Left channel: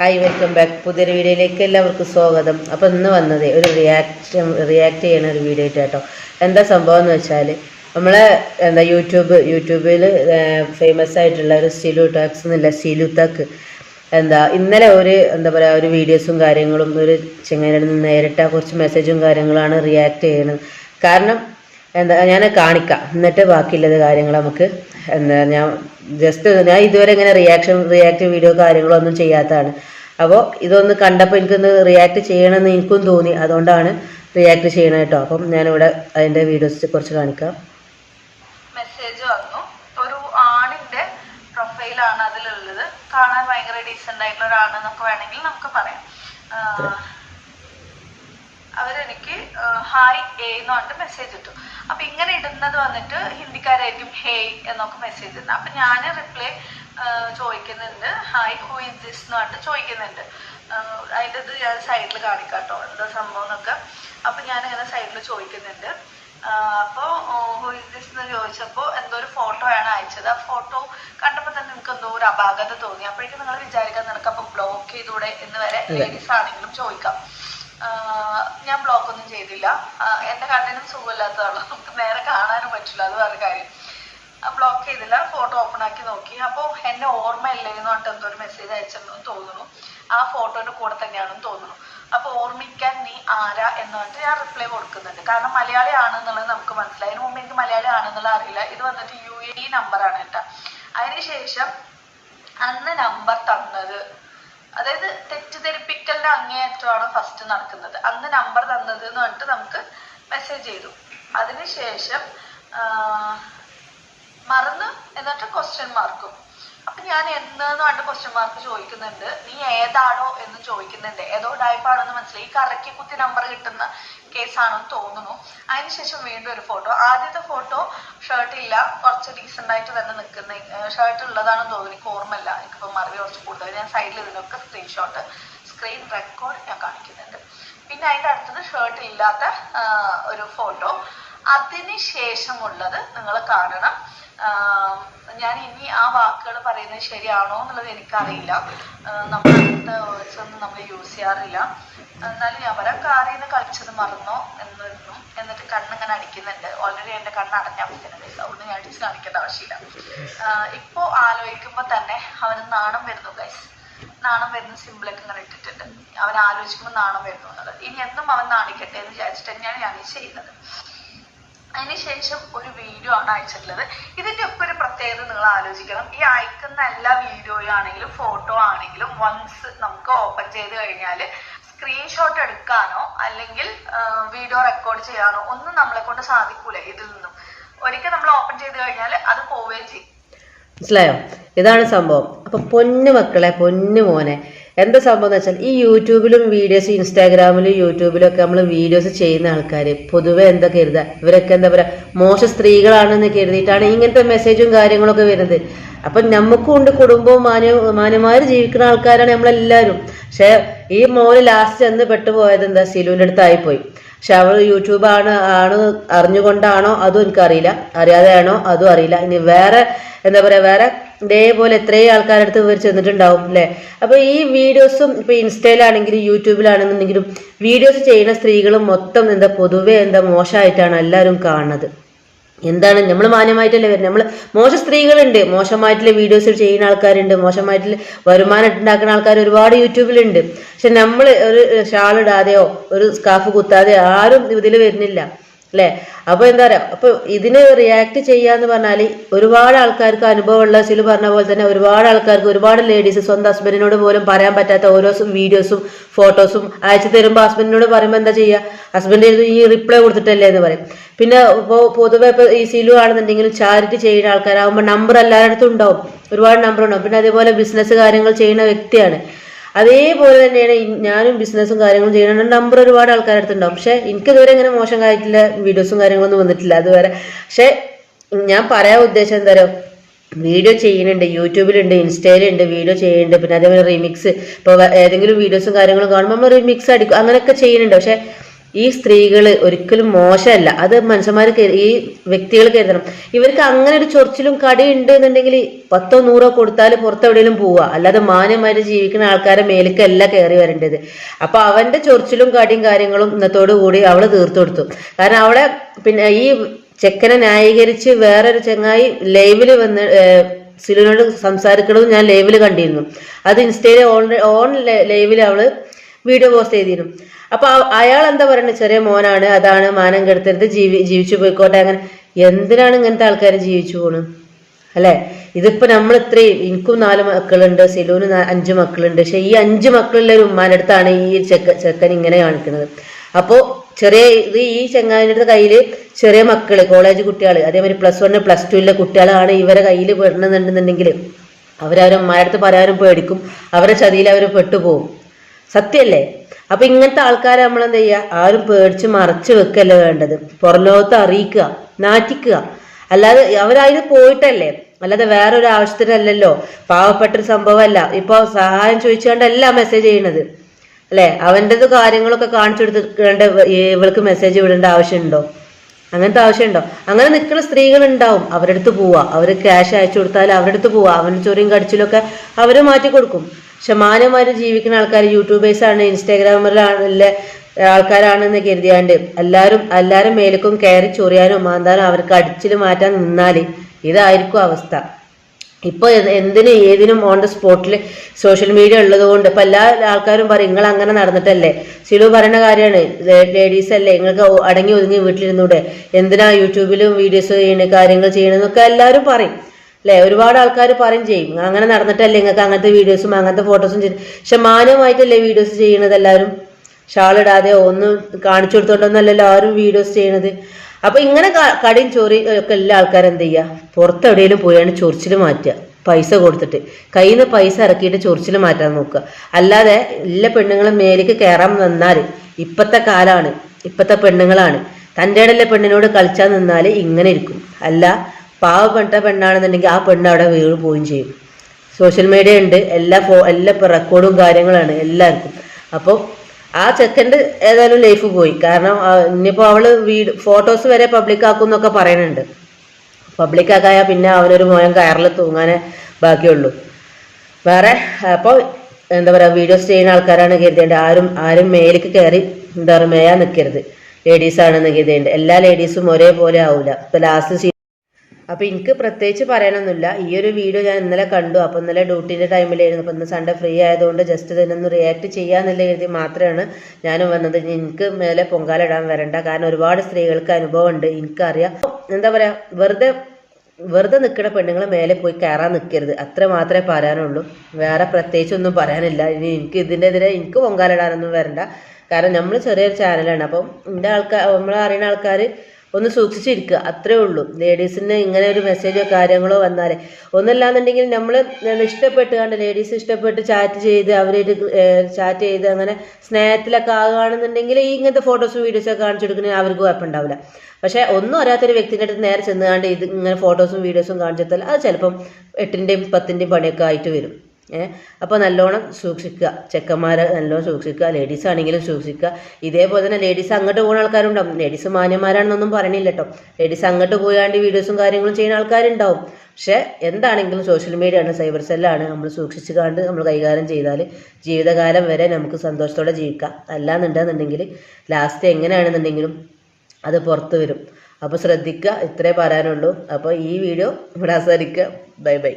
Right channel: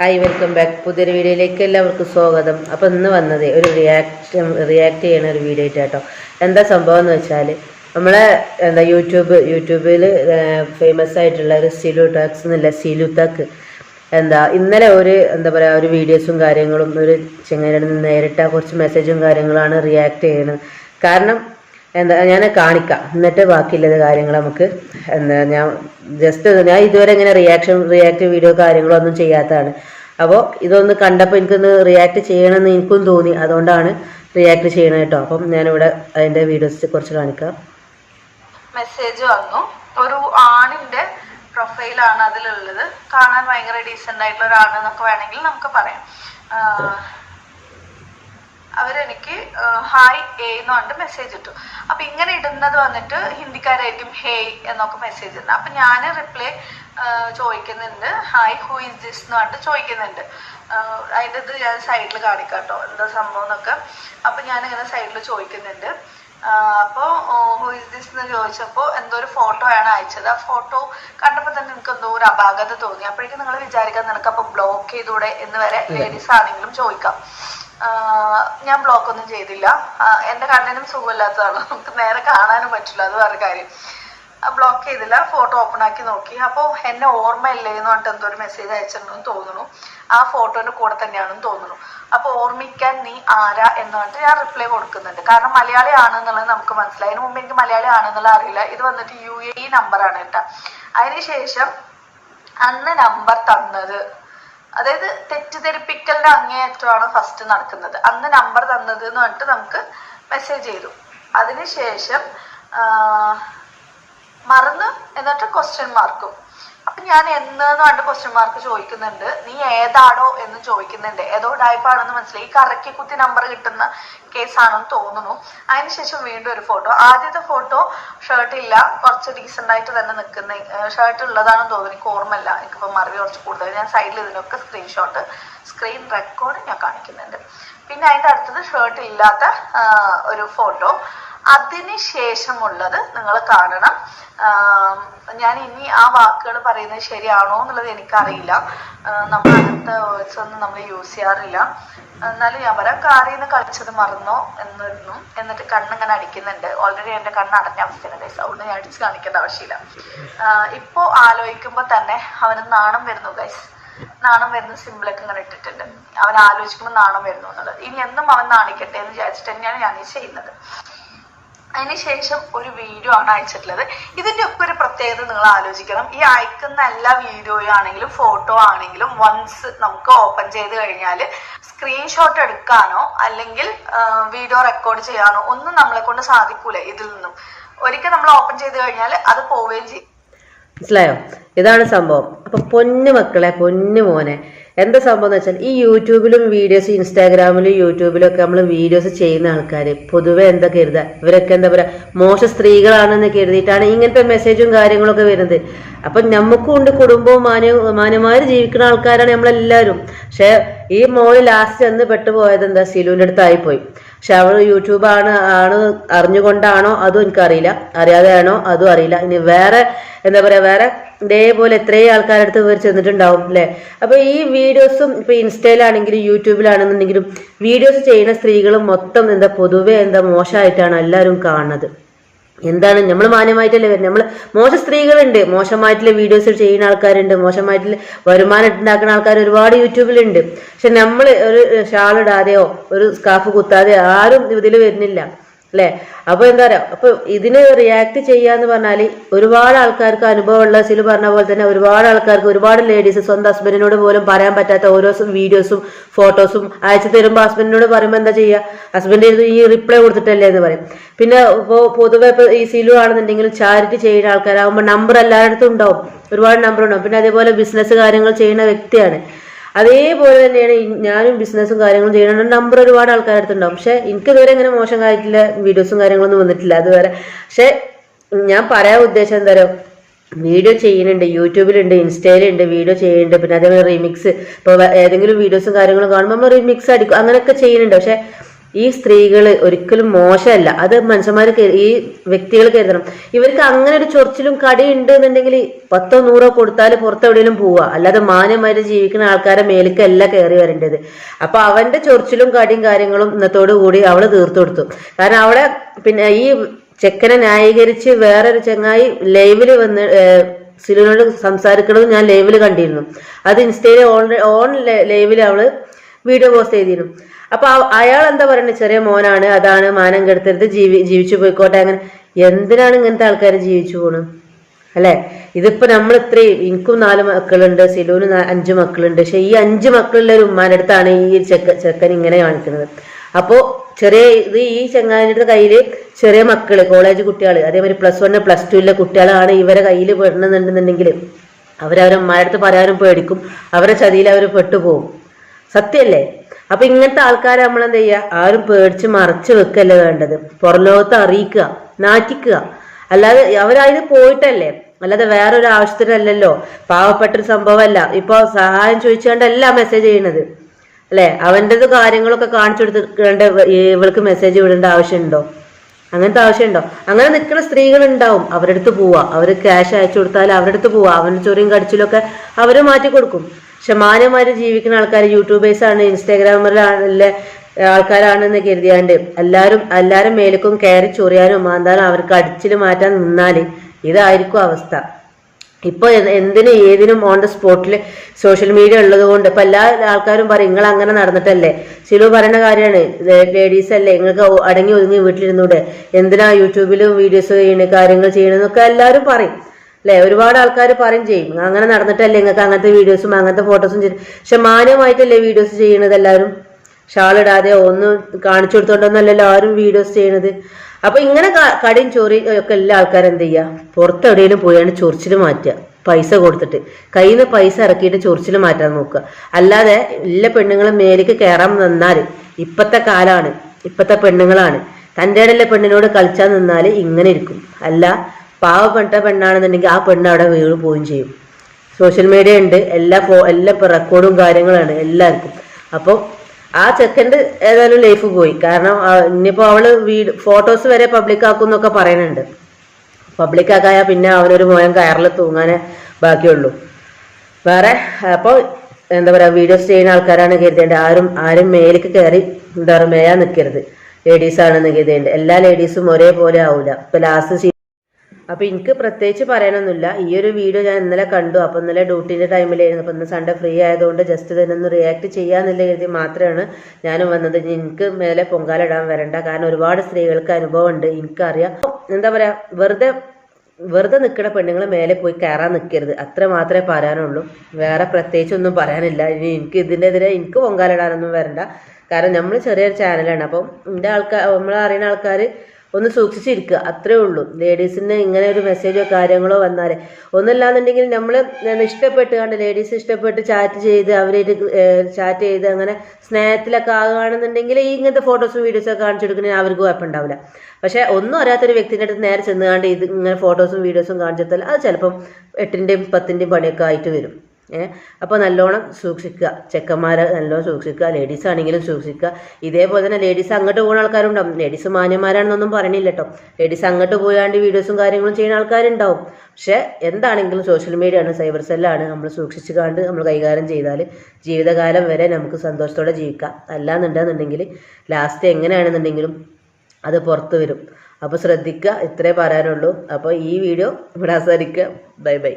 Hi welcome back പുതിയൊരു വീഡിയോയിലേക്ക് എല്ലാവർക്കും സ്വാഗതം. അപ്പോൾ ഇന്ന് വന്നത് ഒരു റിയാക്ഷൻ റിയാക്ട് ചെയ്യണ ഒരു വീഡിയോ ആയിട്ട് കേട്ടോ എന്താ സംഭവം എന്ന് വെച്ചാൽ നമ്മളെ എന്താ യൂട്യൂബ് യൂട്യൂബിൽ ഫേമസ് ആയിട്ടുള്ള ഒരു സിലു ടാക്സ് എന്നില്ല സിലു തക്ക്. എന്താ ഇന്നലെ ഒരു എന്താ പറയുക ഒരു വീഡിയോസും കാര്യങ്ങളും ഒരു ചെങ്ങനെ നേരിട്ട കുറച്ച് മെസ്സേജും കാര്യങ്ങളാണ് റിയാക്ട് ചെയ്യണത്. കാരണം എന്താ ഞാൻ കാണിക്കാം. എന്നിട്ട് ബാക്കിയുള്ളത് കാര്യങ്ങൾ നമുക്ക് എന്താ ഞാൻ ജസ്റ്റ് ഞാൻ ഇതുവരെ ഇങ്ങനെ റിയാക്ഷൻ റിയാക്ട് വീഡിയോ കാര്യങ്ങളോ ഒന്നും ചെയ്യാത്തതാണ്. അപ്പോൾ ഇതൊന്ന് കണ്ടപ്പോൾ എനിക്കൊന്ന് റിയാക്ട് ചെയ്യണമെന്ന് എനിക്കും തോന്നി. അതുകൊണ്ടാണ് റിയാക്ട് ചെയ്യണത് കേട്ടോ. അപ്പം ഞാനിവിടെ അതിന്റെ വീഡിയോസ് കുറച്ച് കാണിക്കാം. മെസ്സേജ് വന്നു. ഒരു ആണിന്റെ പ്രൊഫൈലാണ് അതിലുള്ളത്. കാണാൻ ഭയങ്കര ഡീസെന്റ് ആയിട്ടുള്ള ഒരാണെന്നൊക്കെ വേണമെങ്കിൽ നമുക്ക് പറയാം. അവരെനിക്ക് ഹായ് എ എന്ന് പറഞ്ഞിട്ട് മെസ്സേജ് ഇട്ടു. അപ്പൊ ഇങ്ങനെ ഇടുന്നത് വന്നിട്ട് ഹിന്ദിക്കാരായിരിക്കും ഹേയ് എന്നൊക്കെ മെസ്സേജ് ഇടുന്നത്. അപ്പൊ ഞാൻ റിപ്ലൈ ചോദിക്കുന്നുണ്ട്. ഹായ് ഹു ഇസ് ദിസ് എന്ന് പറഞ്ഞിട്ട് ചോദിക്കുന്നുണ്ട്. അതിന്റെ ഇത് ഞാൻ സൈഡിൽ കാണിക്കാം കേട്ടോ എന്താ സംഭവം എന്നൊക്കെ. അപ്പൊ ഞാൻ ഇങ്ങനെ സൈഡിൽ ചോദിക്കുന്നുണ്ട്. അപ്പോ ഹൂ ഇസ് ദിസ് എന്ന് ചോദിച്ചപ്പോ എന്തോ ഒരു ഫോട്ടോ ആണ് അയച്ചത്. ആ ഫോട്ടോ കണ്ടപ്പോൾ തന്നെ നിങ്ങൾക്ക് എന്തോ ഒരു അപാകത തോന്നി. അപ്പോഴേക്കും നിങ്ങൾ വിചാരിക്കാൻ നിനക്ക് അപ്പൊ ബ്ലോക്ക് ചെയ്തൂടെ എന്ന് വരെ ലേഡീസ് ആണെങ്കിലും ചോദിക്കാം. ഞാൻ ബ്ലോക്ക് ഒന്നും ചെയ്തില്ല. എന്റെ കണ്ണിനും സുഖമില്ലാത്തതാണ്. നമുക്ക് നേരെ കാണാനും പറ്റില്ല. അത് വേറെ കാര്യം. ബ്ലോക്ക് ചെയ്തില്ല. ഫോട്ടോ ഓപ്പൺ ആക്കി നോക്കി. അപ്പോൾ എന്നെ ഓർമ്മയില്ലേ എന്ന് പറഞ്ഞിട്ട് എന്തോ ഒരു മെസ്സേജ് അയച്ചെന്നും തോന്നുന്നു. ആ ഫോട്ടോന്റെ കൂടെ തന്നെയാണെന്ന് തോന്നുന്നു. അപ്പൊ ഓർമ്മിക്കാൻ നീ ആരാ എന്ന് പറഞ്ഞിട്ട് ഞാൻ റിപ്ലൈ കൊടുക്കുന്നുണ്ട്. കാരണം മലയാളി ആണെന്നുള്ളത് നമുക്ക് മനസ്സിലായി. അതിന് മുമ്പ് എനിക്ക് മലയാളി ആണെന്നുള്ള അറിയില്ല. ഇത് വന്നിട്ട് യു എ നമ്പറാണ് കേട്ടോ. അതിനുശേഷം അന്ന് നമ്പർ തന്നത് അതായത് തെറ്റിദ്ധരിപ്പിക്കലിന്റെ അങ്ങേയറ്റമാണ് ഫസ്റ്റ് നടക്കുന്നത്. അന്ന് നമ്പർ തന്നത് എന്ന് പറഞ്ഞിട്ട് നമുക്ക് മെസ്സേജ് ചെയ്തു. അതിനുശേഷം മറന്ന് എന്നിട്ട് ക്വസ്റ്റ്യൻ മാർക്കും അപ്പൊ ഞാൻ എന്ന് രണ്ട് ക്വസ്റ്റ്യൻ മാർക്ക് ചോദിക്കുന്നുണ്ട്. നീ ഏതാണോ എന്ന് ചോദിക്കുന്നുണ്ട്. ഏതോ ടൈപ്പാണെന്ന് മനസ്സിലായി? ഈ കറക്കി കുത്തി നമ്പർ കിട്ടുന്ന കേസാണെന്ന് തോന്നുന്നു. അതിനുശേഷം വീണ്ടും ഒരു ഫോട്ടോ ആദ്യത്തെ ഫോട്ടോ ഷർട്ട് ഇല്ല. കുറച്ച് ഡീസെന്റ് ആയിട്ട് തന്നെ നിൽക്കുന്ന ഷർട്ട് ഉള്ളതാണെന്ന് തോന്നുന്നു. എനിക്ക് ഓർമ്മയില്ല. എനിക്കിപ്പോ മറവി കുറച്ച് കൂടുതൽ ഞാൻ സൈഡിൽ ഇതിനൊക്കെ സ്ക്രീൻഷോട്ട് സ്ക്രീൻ റെക്കോർഡ് ഞാൻ കാണിക്കുന്നുണ്ട്. പിന്നെ അതിന്റെ അടുത്തത് ഷർട്ട് ഇല്ലാത്ത ഒരു ഫോട്ടോ അതിന് ശേഷമുള്ളത് നിങ്ങൾ കാണണം. ഞാൻ ഇനി ആ വാക്കുകൾ പറയുന്നത് ശരിയാണോ എന്നുള്ളത് എനിക്കറിയില്ല. നമ്മൾ അങ്ങനത്തെ വേർഡ്സ് ഒന്നും നമ്മൾ യൂസ് ചെയ്യാറില്ല. എന്നാലും ഞാൻ പറയാം കാറിൽ നിന്ന് കളിച്ചത് മറന്നോ എന്നിരുന്നു എന്നിട്ട് കണ്ണിങ്ങനെ അടിക്കുന്നുണ്ട്. ഓൾറെഡി എന്റെ കണ്ണ് അടഞ്ഞ അവസ്ഥയാണ്. അതുകൊണ്ട് ഞാൻ അടിച്ച് കാണിക്കേണ്ട ആവശ്യമില്ല. ഇപ്പോൾ ഇപ്പോ ആലോചിക്കുമ്പോ തന്നെ അവന് നാണം വരുന്നു ഗൈസ് നാണം വരുന്ന സിമ്പിളൊക്കെ ഇങ്ങനെ ഇട്ടിട്ടുണ്ട്. അവൻ ആലോചിക്കുമ്പോൾ നാണം വരുന്നു എന്നുള്ളത്. ഇനി എന്നും അവൻ നാണിക്കട്ടെ എന്ന് വിചാരിച്ചിട്ട് തന്നെയാണ് ഞാൻ ചെയ്യുന്നത്. അതിനുശേഷം ഒരു വീഡിയോ ആണ് അയച്ചിട്ടുള്ളത്. ഇതിന്റെ ഒക്കെ ഒരു പ്രത്യേകത നിങ്ങൾ ആലോചിക്കണം. ഈ അയക്കുന്ന എല്ലാ വീഡിയോയും ആണെങ്കിലും ഫോട്ടോ ആണെങ്കിലും വൺസ് നമുക്ക് ഓപ്പൺ ചെയ്ത് കഴിഞ്ഞാൽ സ്ക്രീൻഷോട്ട് എടുക്കാനോ അല്ലെങ്കിൽ വീഡിയോ റെക്കോർഡ് ചെയ്യാനോ ഒന്നും നമ്മളെ കൊണ്ട് സാധിക്കൂല ഇതിൽ നിന്നും. ഒരിക്കൽ നമ്മൾ ഓപ്പൺ ചെയ്ത് കഴിഞ്ഞാൽ അത് പോവുകയും ചെയ്യും. മനസ്സിലായോ? ഇതാണ് സംഭവം. അപ്പൊ പൊന്നു മക്കളെ പൊന്നു മോനെ എന്താ സംഭവം എന്ന് വെച്ചാൽ ഈ യൂട്യൂബിലും വീഡിയോസ് ഇൻസ്റ്റാഗ്രാമിലും യൂട്യൂബിലും ഒക്കെ നമ്മൾ വീഡിയോസ് ചെയ്യുന്ന ആൾക്കാർ പൊതുവെ എന്താ കരുതുക ഇവരൊക്കെ എന്താ പറയുക മോശ സ്ത്രീകളാണെന്ന് കരുതിയിട്ടാണ് ഇങ്ങനത്തെ മെസ്സേജും കാര്യങ്ങളൊക്കെ വരുന്നത്. അപ്പം നമുക്കും ഉണ്ട് കുടുംബവും മാന്യ മാന്യമാര് ജീവിക്കുന്ന ആൾക്കാരാണ് നമ്മളെല്ലാവരും. പക്ഷെ ഈ മോന് ലാസ്റ്റ് അന്ന് പെട്ടുപോയത് എന്താ? സിലുവിന്റെ അടുത്തായിപ്പോയി. പക്ഷെ അവൾ യൂട്യൂബ് ആണ് അറിഞ്ഞുകൊണ്ടാണോ? അതും എനിക്കറിയില്ല. അറിയാതെയാണോ? അതും അറിയില്ല. ഇനി വേറെ എന്താ പറയാ വേറെ ഇതേപോലെ എത്രയും ആൾക്കാരടുത്ത് ഇവർ ചെന്നിട്ടുണ്ടാവും അല്ലേ? അപ്പൊ ഈ വീഡിയോസും ഇപ്പൊ ഇൻസ്റ്റയിലാണെങ്കിലും യൂട്യൂബിലാണെന്നുണ്ടെങ്കിലും വീഡിയോസ് ചെയ്യുന്ന സ്ത്രീകളും മൊത്തം എന്താ പൊതുവേ എന്താ മോശമായിട്ടാണ് എല്ലാവരും കാണുന്നത്. എന്താണ്? നമ്മൾ മാന്യമായിട്ടല്ലേ വരുന്നത് നമ്മൾ മോശ സ്ത്രീകളുണ്ട്. മോശമായിട്ടുള്ള വീഡിയോസ് ചെയ്യുന്ന ആൾക്കാരുണ്ട്. മോശമായിട്ടുള്ള വരുമാനം ഉണ്ടാക്കുന്ന ആൾക്കാർ ഒരുപാട് യൂട്യൂബിലുണ്ട്. പക്ഷെ നമ്മൾ ഒരു ഷാൾ ഇടാതെയോ ഒരു സ്കാഫ് കുത്താതെയോ ആരും ഇതിൽ വരുന്നില്ല. അല്ലേ അപ്പൊ എന്താ പറയാ അപ്പൊ ഇതിനെ റിയാക്ട് ചെയ്യാന്ന് പറഞ്ഞാൽ ഒരുപാട് ആൾക്കാർക്ക് അനുഭവമുള്ള സിലു പറഞ്ഞ പോലെ തന്നെ ഒരുപാട് ആൾക്കാർക്ക് ഒരുപാട് ലേഡീസ് സ്വന്തം ഹസ്ബൻഡിനോട് പോലും പറയാൻ പറ്റാത്ത ഓരോ വീഡിയോസും ഫോട്ടോസും അയച്ചു തരുമ്പോൾ ഹസ്ബൻഡിനോട് പറയുമ്പോൾ എന്താ ചെയ്യുക ഹസ്ബൻഡ് ഈ റിപ്ലൈ കൊടുത്തിട്ടല്ലേ എന്ന് പറയും. പിന്നെ ഇപ്പോൾ പൊതുവെ ഇപ്പോൾ ഈ സിലു ആണെന്നുണ്ടെങ്കിൽ ചാരിറ്റി ചെയ്യുന്ന ആൾക്കാരാകുമ്പോൾ നമ്പർ എല്ലാവരുടെ അടുത്തും ഉണ്ടാവും. ഒരുപാട് നമ്പർ ഉണ്ടാവും. പിന്നെ അതേപോലെ ബിസിനസ് കാര്യങ്ങൾ ചെയ്യുന്ന വ്യക്തിയാണ്. അതേപോലെ തന്നെയാണ് ഞാനും ബിസിനസ്സും കാര്യങ്ങളും ചെയ്യണം നമ്പർ ഒരുപാട് ആൾക്കാരുടെ അടുത്തുണ്ടാവും പക്ഷെ എനിക്ക് ഇതുവരെ ഇങ്ങനെ മോശം കാര്യത്തില്ല വീഡിയോസും കാര്യങ്ങളൊന്നും വന്നിട്ടില്ല. അതുവരെ. പക്ഷെ ഞാൻ പറയാൻ ഉദ്ദേശം എന്താ പറയുക വീഡിയോ ചെയ്യുന്നുണ്ട്. യൂട്യൂബിലുണ്ട് ഇൻസ്റ്റയിലുണ്ട് വീഡിയോ ചെയ്യുന്നുണ്ട്. പിന്നെ അതേപോലെ റീമിക്സ് ഇപ്പോൾ ഏതെങ്കിലും വീഡിയോസും കാര്യങ്ങളും കാണുമ്പോൾ നമ്മൾ റീമിക്സ് അടിക്കും. അങ്ങനെയൊക്കെ ചെയ്യുന്നുണ്ട്. പക്ഷെ ഈ സ്ത്രീകൾ ഒരിക്കലും മോശമല്ല. അത് മനുഷ്യന്മാർ ഈ വ്യക്തികൾ കരുതണം. ഇവർക്ക് അങ്ങനെ ഒരു ചൊറിച്ചിലും കടി ഉണ്ട് എന്നുണ്ടെങ്കിൽ പത്തോ നൂറോ കൊടുത്താൽ പുറത്തെവിടെയെങ്കിലും പോവുക അല്ലാതെ മാന്യമായിട്ട് ജീവിക്കുന്ന ആൾക്കാരെ മേലിക്കല്ല കയറി വരേണ്ടത്. അപ്പൊ അവന്റെ ചൊറിച്ചിലും കടിയും കാര്യങ്ങളും ഇന്നത്തോടു കൂടി അവൾ തീർത്തു കൊടുത്തു. കാരണം അവിടെ പിന്നെ ഈ ചെക്കനെ ന്യായീകരിച്ച് വേറൊരു ചങ്ങായി ലൈവിൽ വന്ന് സിലിനോട് സംസാരിക്കണത് ഞാൻ ലൈവിൽ കണ്ടിരുന്നു. അത് ഇൻസ്റ്റയിൽ ഓൺ ഓൺ ലൈവിൽ അവൾ വീഡിയോ പോസ്റ്റ് ചെയ്തിരുന്നു. അപ്പൊ അയാൾ എന്താ പറയുന്നത് ചെറിയ മോനാണ് അതാണ് മാനം കെടുത്തരുത് ജീവി ജീവിച്ചു പോയിക്കോട്ടെ അങ്ങനെ. എന്തിനാണ് ഇങ്ങനത്തെ ആൾക്കാർ ജീവിച്ചു പോണ്? അല്ലെ? ഇതിപ്പോ നമ്മൾ ഇത്രയും എനിക്കും നാല് മക്കളുണ്ട് സിലുവിന് അഞ്ചു മക്കളുണ്ട്. പക്ഷെ ഈ അഞ്ച് മക്കളുള്ള ഒരു ഉമ്മാന്റെ അടുത്താണ് ഈ ചെക്ക ചെക്കൻ ഇങ്ങനെ കാണിക്കുന്നത്. അപ്പോ ചെറിയ ഇത് ഈ ചെങ്ങാതിന്റെ കയ്യിൽ ചെറിയ മക്കൾ കോളേജ് കുട്ടികൾ അതേമാതിരി പ്ലസ് വണ് പ്ലസ് ടുവിലെ കുട്ടികളാണ് ഇവരെ കയ്യിൽ പെടണമെന്നുണ്ടെന്നുണ്ടെങ്കിൽ അവരവരെ അമ്മാരുടെ അടുത്ത് പറയാനും പേടിക്കും. അവരെ ചതിയിൽ അവർ പെട്ടുപോകും. സത്യല്ലേ? അപ്പൊ ഇങ്ങനത്തെ ആൾക്കാരെ നമ്മൾ എന്താ ചെയ്യുക ആരും പേടിച്ച് മറച്ചു വെക്കല്ലേ വേണ്ടത്. പുറം ലോകത്ത് അറിയിക്കുക നാറ്റിക്കുക. അല്ലാതെ അവരതിന് പോയിട്ടല്ലേ? അല്ലാതെ വേറൊരു ആവശ്യത്തിനല്ലല്ലോ? പാവപ്പെട്ടൊരു സംഭവമല്ല. ഇപ്പൊ സഹായം ചോദിച്ചുകൊണ്ടല്ല മെസ്സേജ് ചെയ്യണത്. അല്ലെ? അവന്റെത് കാര്യങ്ങളൊക്കെ കാണിച്ചു കൊടുത്തിട്ട് ഇവൾക്ക് മെസ്സേജ് വിടേണ്ട ആവശ്യമുണ്ടോ? അങ്ങനത്തെ ആവശ്യമുണ്ടോ? അങ്ങനെ നിൽക്കുന്ന സ്ത്രീകൾ ഉണ്ടാവും. അവരുടെ അടുത്ത് പോവാ അവർ ക്യാഷ് അയച്ചു കൊടുത്താൽ അവരുടെ അടുത്ത് പോവാ അവൻ ചൊറിയും കടിച്ചിലൊക്കെ അവർ മാറ്റി കൊടുക്കും മാന്യമാര് ജീവിക്കുന്ന ആൾക്കാർ യൂട്യൂബേഴ്സാണ് ഇൻസ്റ്റാഗ്രാമിലുള്ള ആൾക്കാരാണെന്ന് കരുതിയാണ്ട് എല്ലാവരും എല്ലാവരും മേലക്കും കയറി ചൊറിയാനും മാന്താനും അവർക്ക് അടിച്ചിൽ മാറ്റാൻ നിന്നാൽ ഇതായിരിക്കും അവസ്ഥ. ഇപ്പൊ എന്തിനും ഏതിനും ഓൺ ദ സ്പോട്ടിൽ സോഷ്യൽ മീഡിയ ഉള്ളത് കൊണ്ട് ഇപ്പൊ എല്ലാ ആൾക്കാരും പറയും നിങ്ങൾ അങ്ങനെ നടന്നിട്ടല്ലേ? സിലു പറയുന്ന കാര്യമാണ് ലേഡീസ് അല്ലേ നിങ്ങൾക്ക് അടങ്ങി ഒതുങ്ങി വീട്ടിലിരുന്നൂടെ എന്തിനാ യൂട്യൂബിലും വീഡിയോസ് ചെയ്യണ കാര്യങ്ങൾ ചെയ്യണമെന്നൊക്കെ എല്ലാവരും പറയും. അല്ലെ ഒരുപാട് ആൾക്കാർ പറയും ചെയ്യും. അങ്ങനെ നടന്നിട്ടല്ലേ നിങ്ങൾക്ക് അങ്ങനത്തെ വീഡിയോസും അങ്ങനത്തെ ഫോട്ടോസും ചെയ്യും. പക്ഷെ മാന്യമായിട്ടല്ലേ വീഡിയോസ് ചെയ്യണത് എല്ലാവരും? ഷാളിടാതെ ഒന്നും കാണിച്ചു കൊടുത്തോണ്ടൊന്നല്ലല്ലോ ആരും വീഡിയോസ് ചെയ്യണത്. അപ്പൊ ഇങ്ങനെ കടയും ചോറി ഒക്കെ എല്ലാ ആൾക്കാരും എന്ത് ചെയ്യുക പുറത്തെവിടെയെങ്കിലും പോയാണ് ചൊറിച്ചിൽ മാറ്റുക. പൈസ കൊടുത്തിട്ട്. കയ്യിൽ നിന്ന് പൈസ ഇറക്കിയിട്ട് ചൊറിച്ചിൽ മാറ്റാൻ നോക്കുക. അല്ലാതെ എല്ലാ പെണ്ണുങ്ങളും മേലേക്ക് കയറാൻ നിന്നാൽ ഇപ്പത്തെ കാലാണ്. ഇപ്പത്തെ പെണ്ണുങ്ങളാണ്. തന്റെ ഇടയിലെ പെണ്ണിനോട് കളിച്ചാൽ നിന്നാൽ ഇങ്ങനെ ഇരിക്കും. അല്ല പാവപ്പെട്ട പെണ്ണാണെന്നുണ്ടെങ്കിൽ ആ പെണ്ണ് അവിടെ വീട് പോവുകയും ചെയ്യും. സോഷ്യൽ മീഡിയ ഉണ്ട്. എല്ലാ ഫോ എല്ലാ റെക്കോർഡും കാര്യങ്ങളാണ് എല്ലാവർക്കും. അപ്പോൾ ആ ചെക്കന്റെ ഏതായാലും ലൈഫ് പോയി. കാരണം ഇനിയിപ്പോൾ ഇനിയിപ്പോ അവൾ വീട് ഫോട്ടോസ് വരെ പബ്ലിക് ആക്കും എന്നൊക്കെ പറയുന്നുണ്ട്. പബ്ലിക് ആക്കായ പിന്നെ അവനൊരു മോയം കയറിൽ തൂങ്ങാനേ ബാക്കിയുള്ളൂ. വേറെ അപ്പോൾ എന്താ പറയുക വീഡിയോസ് ചെയ്യുന്ന ആൾക്കാരാണ് കരുതേണ്ടത് ആരും ആരും മേലേക്ക് കയറി എന്താ പറയുക മേയാൻ നിൽക്കരുത് ലേഡീസ് ആണെന്ന് കരുതേണ്ടത് എല്ലാ ലേഡീസും ഒരേപോലെ ആവില്ല ഇപ്പം ലാസ്റ്റ് അപ്പൊ എനിക്ക് പ്രത്യേകിച്ച് പറയാനൊന്നുമില്ല. ഈ ഒരു വീഡിയോ ഞാൻ ഇന്നലെ കണ്ടു. അപ്പൊ ഇന്നലെ ഡ്യൂട്ടിന്റെ ടൈമിലായിരുന്നു. അപ്പൊ ഇന്ന് സൺഡേ ഫ്രീ ആയതുകൊണ്ട് ജസ്റ്റ് ഇതിനൊന്ന് റിയാക്ട് ചെയ്യാന്നുള്ള കരുതി മാത്രമാണ് ഞാനും വന്നത്. എനിക്ക് മേലെ പൊങ്കാലിടാൻ വരണ്ട. കാരണം ഒരുപാട് സ്ത്രീകൾക്ക് അനുഭവം ഉണ്ട്. എനിക്കറിയാം. എന്താ പറയാ വെറുതെ വെറുതെ നിൽക്കുന്ന പെണ്ണുങ്ങൾ മേലെ പോയി കയറാൻ നിൽക്കരുത് അത്ര മാത്രമേ പറയാനുള്ളൂ. വേറെ പ്രത്യേകിച്ച് ഒന്നും പറയാനില്ല. ഇനി എനിക്ക് ഇതിന്റെതിരെ എനിക്ക് പൊങ്കാലിടാനൊന്നും വരണ്ട. കാരണം നമ്മൾ ചെറിയൊരു ചാനലാണ് അപ്പം എന്റെ ആൾക്കാർ നമ്മൾ അറിയുന്ന ആൾക്കാർ ഒന്ന് സൂക്ഷിച്ചിരിക്കുക. അത്രേ ഉള്ളൂ. ലേഡീസിന് ഇങ്ങനെ ഒരു മെസ്സേജോ കാര്യങ്ങളോ വന്നാൽ ഒന്നല്ലാന്നുണ്ടെങ്കിൽ നമ്മൾ ഇഷ്ടപ്പെട്ട് കണ്ട് ലേഡീസ് ഇഷ്ടപ്പെട്ട് ചാറ്റ് ചെയ്ത് അവരായിട്ട് ചാറ്റ് ചെയ്ത് അങ്ങനെ സ്നേഹത്തിലൊക്കെ ആകുകയാണെന്നുണ്ടെങ്കിൽ ഈ ഇങ്ങനത്തെ ഫോട്ടോസും വീഡിയോസൊക്കെ കാണിച്ചു കൊടുക്കുന്നതിന് അവർക്ക് കുഴപ്പമുണ്ടാവില്ല. പക്ഷേ ഒന്നും അറിയാത്തൊരു വ്യക്തിന്റെ അടുത്ത് നേരെ ചെന്ന് കണ്ട് ഇത് ഇങ്ങനെ ഫോട്ടോസും വീഡിയോസും കാണിച്ചെത്താൽ അത് ചിലപ്പം എട്ടിന്റെയും പത്തിന്റെയും പണിയൊക്കെ ആയിട്ട് വരും. അപ്പോൾ നല്ലോണം സൂക്ഷിക്കുക. ചെക്കന്മാരെ നല്ലോണം സൂക്ഷിക്കുക. ലേഡീസ് ആണെങ്കിലും സൂക്ഷിക്കുക. ഇതേപോലെ തന്നെ ലേഡീസ് അങ്ങോട്ട് പോകുന്ന ആൾക്കാരുണ്ടാവും. ലേഡീസ് മാന്യന്മാരാണെന്നൊന്നും പറയണില്ല കേട്ടോ ലേഡീസ് അങ്ങോട്ട് പോയാണ്ട് വീഡിയോസും കാര്യങ്ങളും ചെയ്യുന്ന ആൾക്കാരുണ്ടാവും. പക്ഷെ എന്താണെങ്കിലും സോഷ്യൽ മീഡിയ ആണ്. സൈബർ സെല്ലാണ് നമ്മൾ സൂക്ഷിച്ചു കണ്ട് നമ്മൾ കൈകാര്യം ചെയ്താൽ ജീവിതകാലം വരെ നമുക്ക് സന്തോഷത്തോടെ ജീവിക്കാം. അല്ലാന്നുണ്ടെന്നുണ്ടെങ്കിൽ ലാസ്റ്റ് എങ്ങനെയാണെന്നുണ്ടെങ്കിലും അത് പുറത്തു വരും. അപ്പോൾ ശ്രദ്ധിക്കുക. ഇത്രേ പറയാനുള്ളൂ. അപ്പോൾ ഈ വീഡിയോ ഇവിടെ അവസാനിക്കുക. Bye bye